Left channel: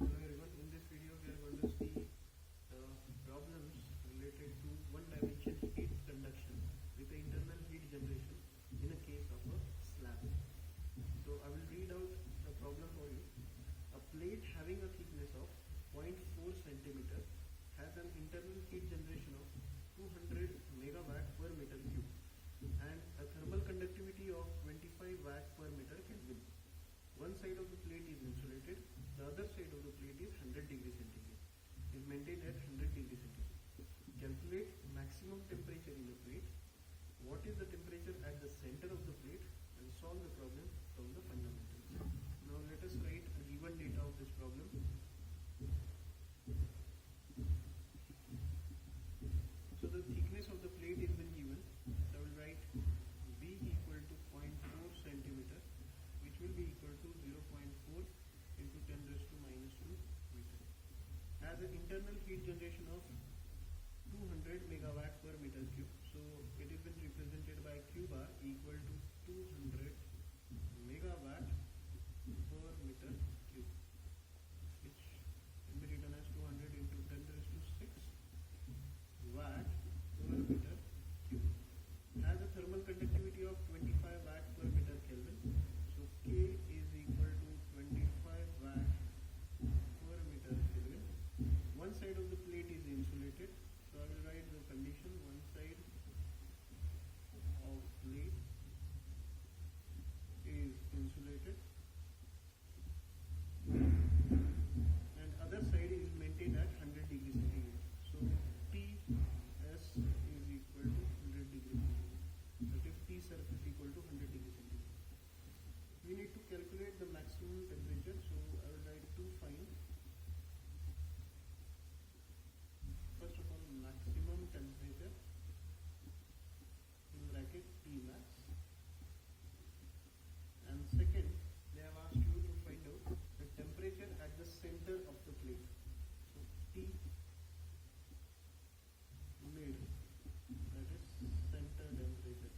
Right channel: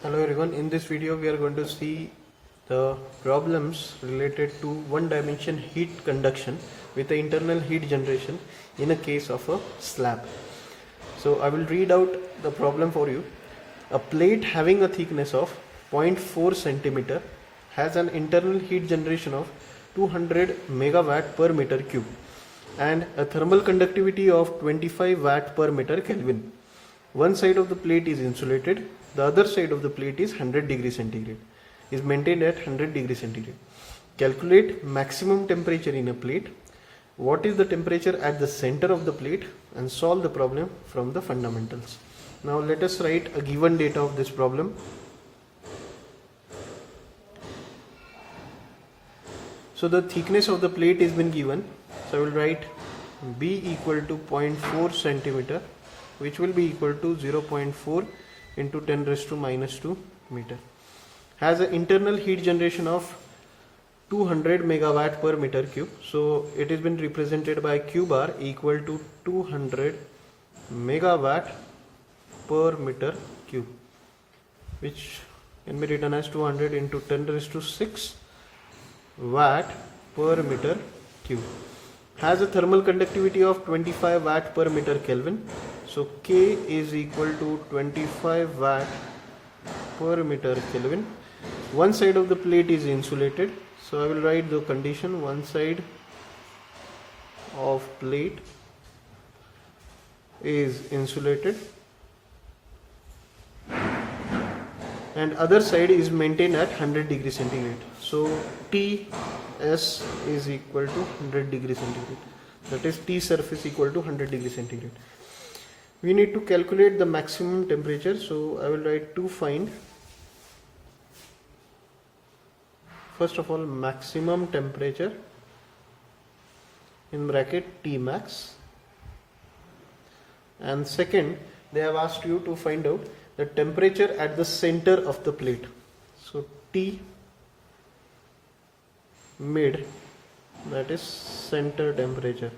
Hello everyone, in this video we are going to see the problems related to one dimension heat conduction with the internal heat generation in a case of a slab. So I will read out the problem for you. A plate having a thickness of 0.4 centimeter has an internal heat generation of 200 megawatt per meter cube and a thermal conductivity of 25 watt per meter Kelvin. One side of the plate is insulated, the other side of the plate is 100 degree centigrade, is maintained at 100 degree centigrade. Calculate maximum temperature in a plate. What is the temperature at the center of the plate, and solve the problem from the fundamentals. Now let us write a given data of this problem. So the thickness of the plate has been given. So I will write B equal to 0.4 centimeter, which will be equal to 0.4 into 10 raised to minus 2 meter. Has an internal heat generation of 200 megawatt per meter cube. So it has been represented by Q bar equal to 200 megawatt per meter cube, which can be written as 200 into 10 raised to 6 watt per meter cube. Has a thermal conductivity of 25 watt per meter Kelvin. So K is equal to 25 watt per meter Kelvin. One side of the plate is insulated. So I will write the condition: one side of plate is insulated and other side is maintained at 100 degree centigrade. So TS is equal to 100 degree centigrade. That is T surface equal to 100 degree centigrade. We need to calculate the maximum temperature. So I will write to find, first of all, maximum temperature in bracket T max, and second they have asked you to find out the temperature at the center of the plate. So T mid, that is center temperature.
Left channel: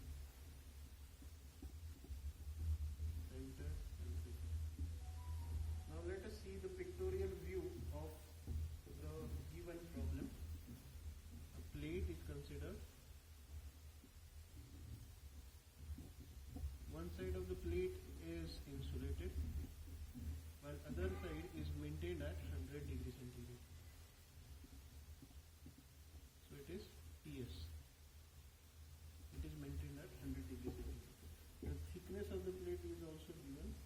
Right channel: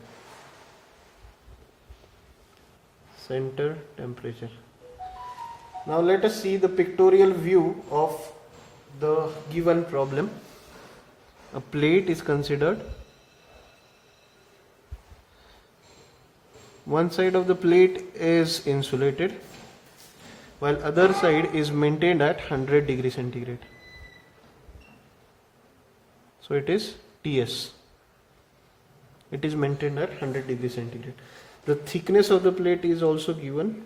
Center temperature. Now let us see the pictorial view of the given problem. A plate is considered. One side of the plate is insulated while other side is maintained at 100 degree centigrade. So it is TS. It is maintained at 100 degree centigrade. The thickness of the plate is also given,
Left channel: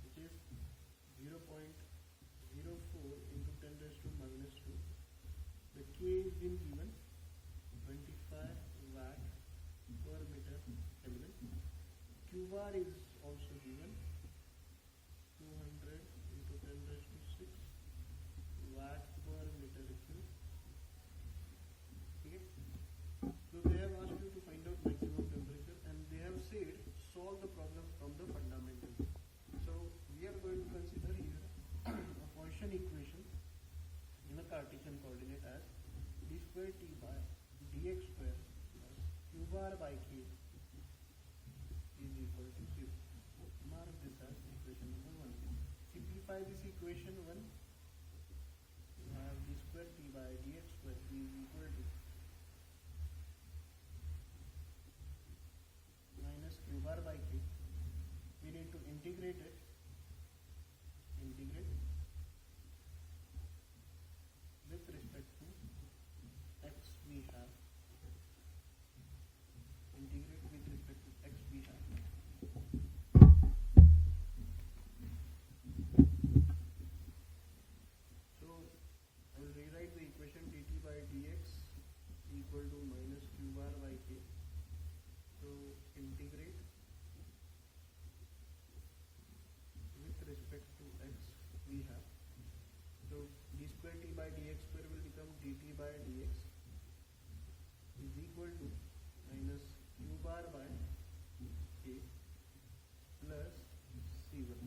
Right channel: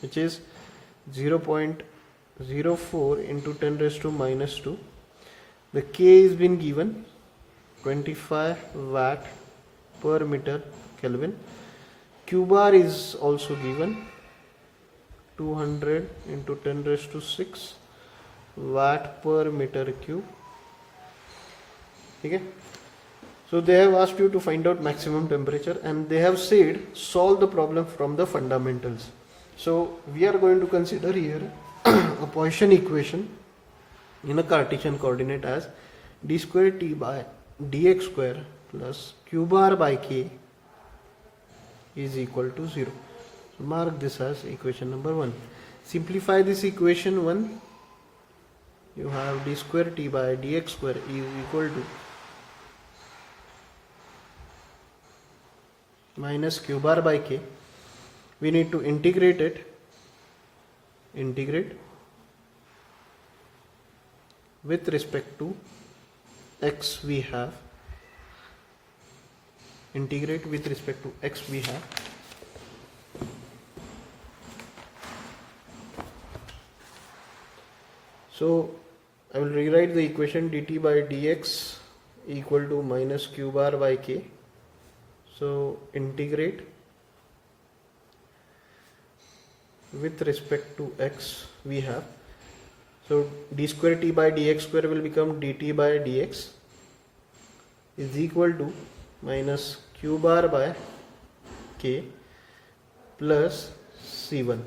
which is 0.04 into 10 raised to minus 2. The K is been given 25 watt per meter Kelvin. Q bar is also given 200 into 10 raised to 6 watt per meter cube. Okay. So they have asked you to find out maximum temperature and they have said solve the problem from the fundamentals. So we are going to consider here a Poisson equation in a Cartesian coordinate as d square t by dx square plus q bar by k is equal to 0. So mark this as equation number 1. Simplify this equation 1. You have d square t by dx square is equal to minus q bar by k. We need to integrate it. Integrate with respect to x we have. Integrate with respect to x we have. So I will rewrite the equation dt by dx equal to minus q bar by k. So integrate with respect to x we have. So d square t by dx square will become dt by dx is equal to minus q bar by k plus c1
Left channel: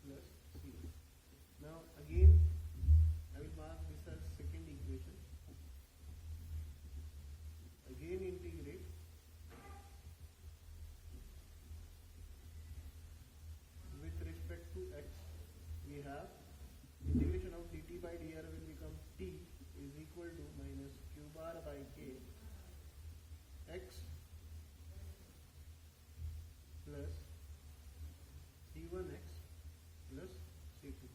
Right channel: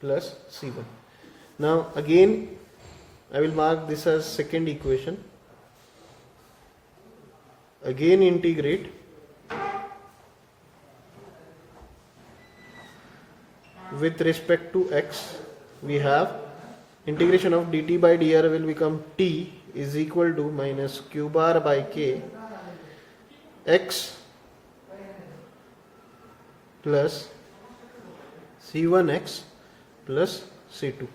plus c1. Now again I will mark this as second equation. Again integrate with respect to x, we have integration of dt by dr will become t is equal to minus q bar by k x plus c1x plus c2.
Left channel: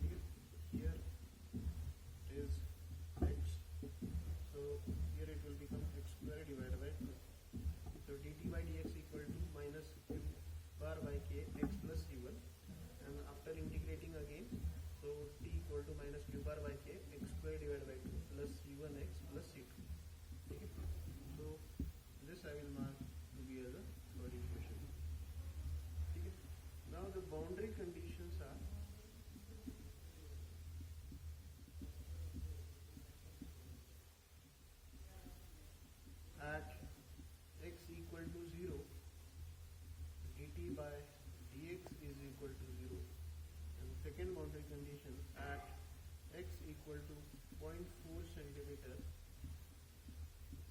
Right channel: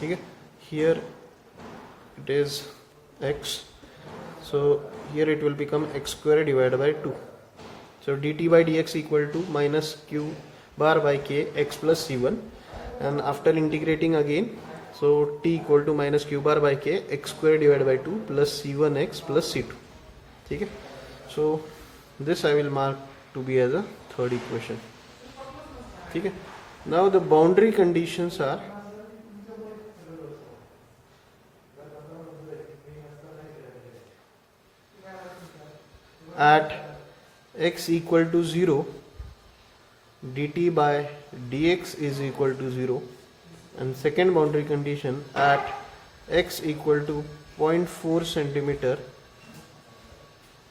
ठीक है, here it is x, so here it will become x square divided by 2. So dt by dx equal to minus q bar by k x plus c1, and after integrating again, so t equal to minus q bar by k x square divided by 2 plus c1x plus c2. ठीक है, so this I will mark to be as a third equation. ठीक है, now the boundary conditions are at x equal to 0 dt by dx is equal to 0, and second boundary condition at x equal to 0.4 centimeter,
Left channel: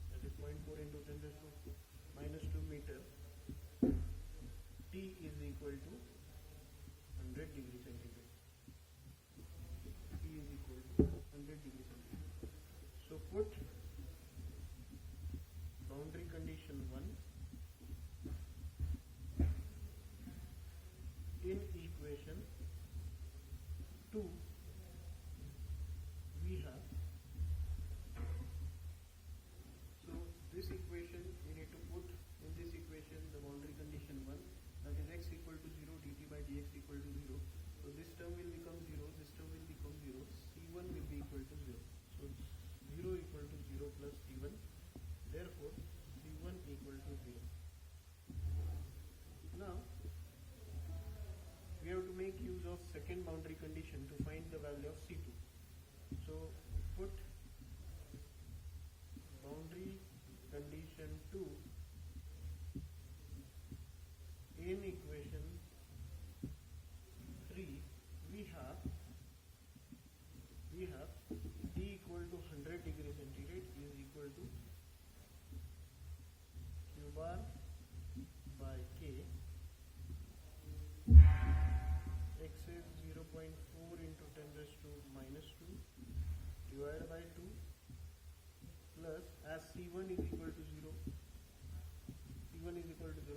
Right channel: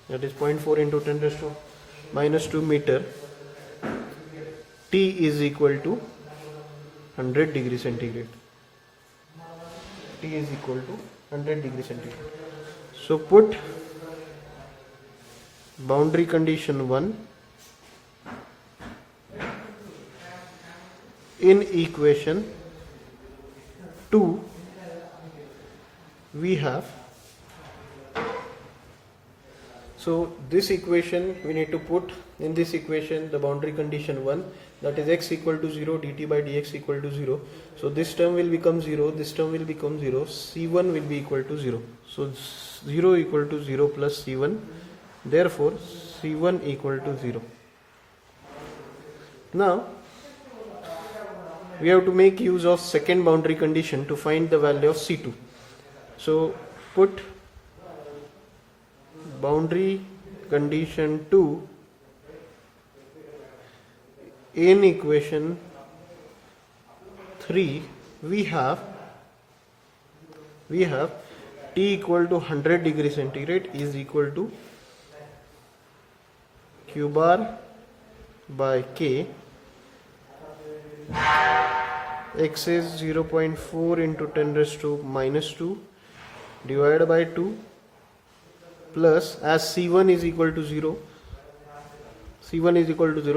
that is 0.4 into 10 raised to minus 2 meter, t is equal to 100 degree centigrade. T is equal to 100 degree centigrade. So put boundary condition 1 in equation 2. We have, so this equation we need to put in this equation the boundary condition 1, that is x equal to 0 dt by dx equal to 0. So this term will become 0, this term will become 0, c1 will be equal to 0. So 0 equal to 0 plus c1, therefore c1 equal to 0. Now we have to make use of second boundary condition to find the value of c2. So put boundary condition 2 in equation 3. We have t equal to 100 degree centigrade is equal to q bar by k, x is 0.4 into 10 raised to minus 2 divided by 2 plus, as c1 is equal to 0,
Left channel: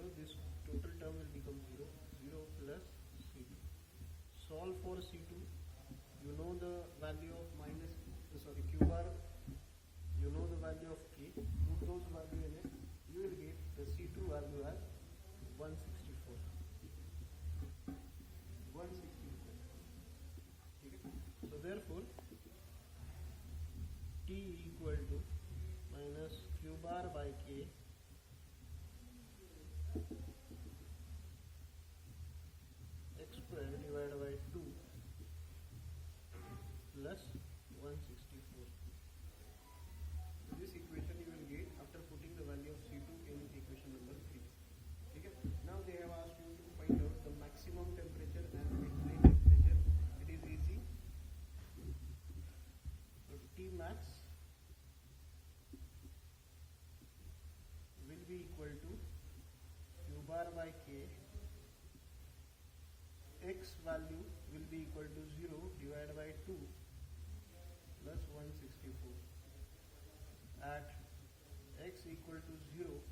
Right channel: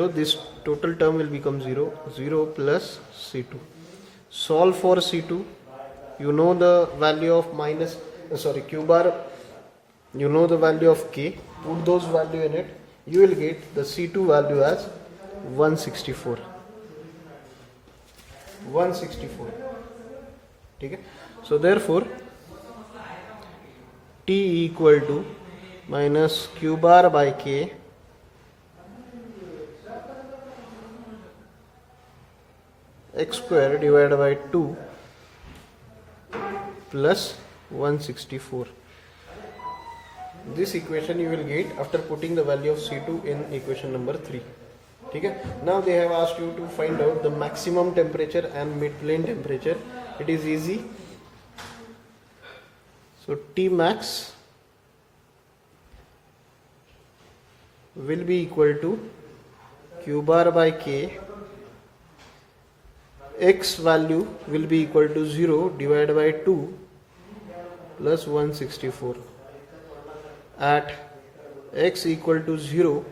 this total term will become 0, 0 plus c2. Solve for c2, you know the value of q bar, you know the value of k, put those value in it, you will get the c2 value as 164. ठीक है, so therefore t equal to minus q bar by k x square divided by 2 plus 164. This equation you will get after putting the value of c2 in equation number 3. ठीक है, now they have asked you to find out the maximum temperature and mid plane temperature. It is easy. So T max will be equal to q bar by k, x value will be equal to 0 divided by 2 plus 164. At x equal to 0,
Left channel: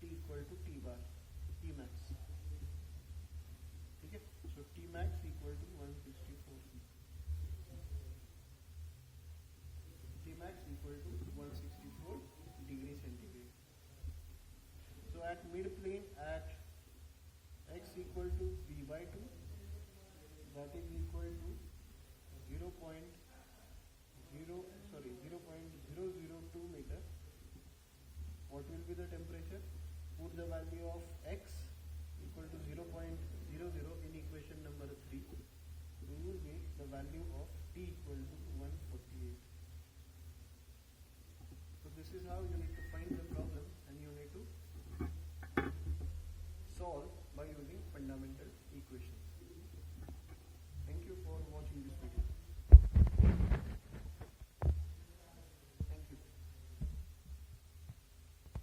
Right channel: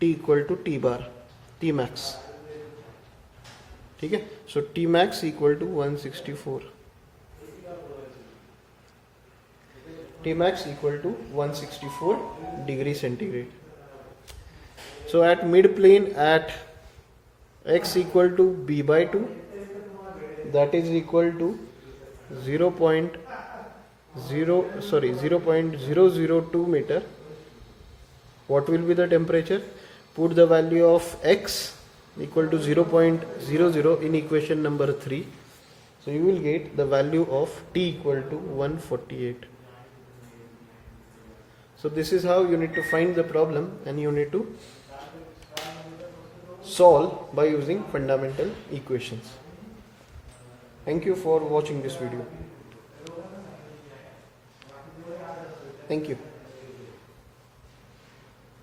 t equal to t bar, t max. ठीक है, so t max equal to 164. T max equal to 164 degree centigrade. So at mid plane at x equal to b by 2, that is equal to 0.002 meter. What will be the temperature? Put the value of x equal to 0.00 in equation number 3. So you will get the value of T equal to 148. So this is how you need to find the problem, and you need to solve by using fundamental equations. Thank you for watching this video. Thank you.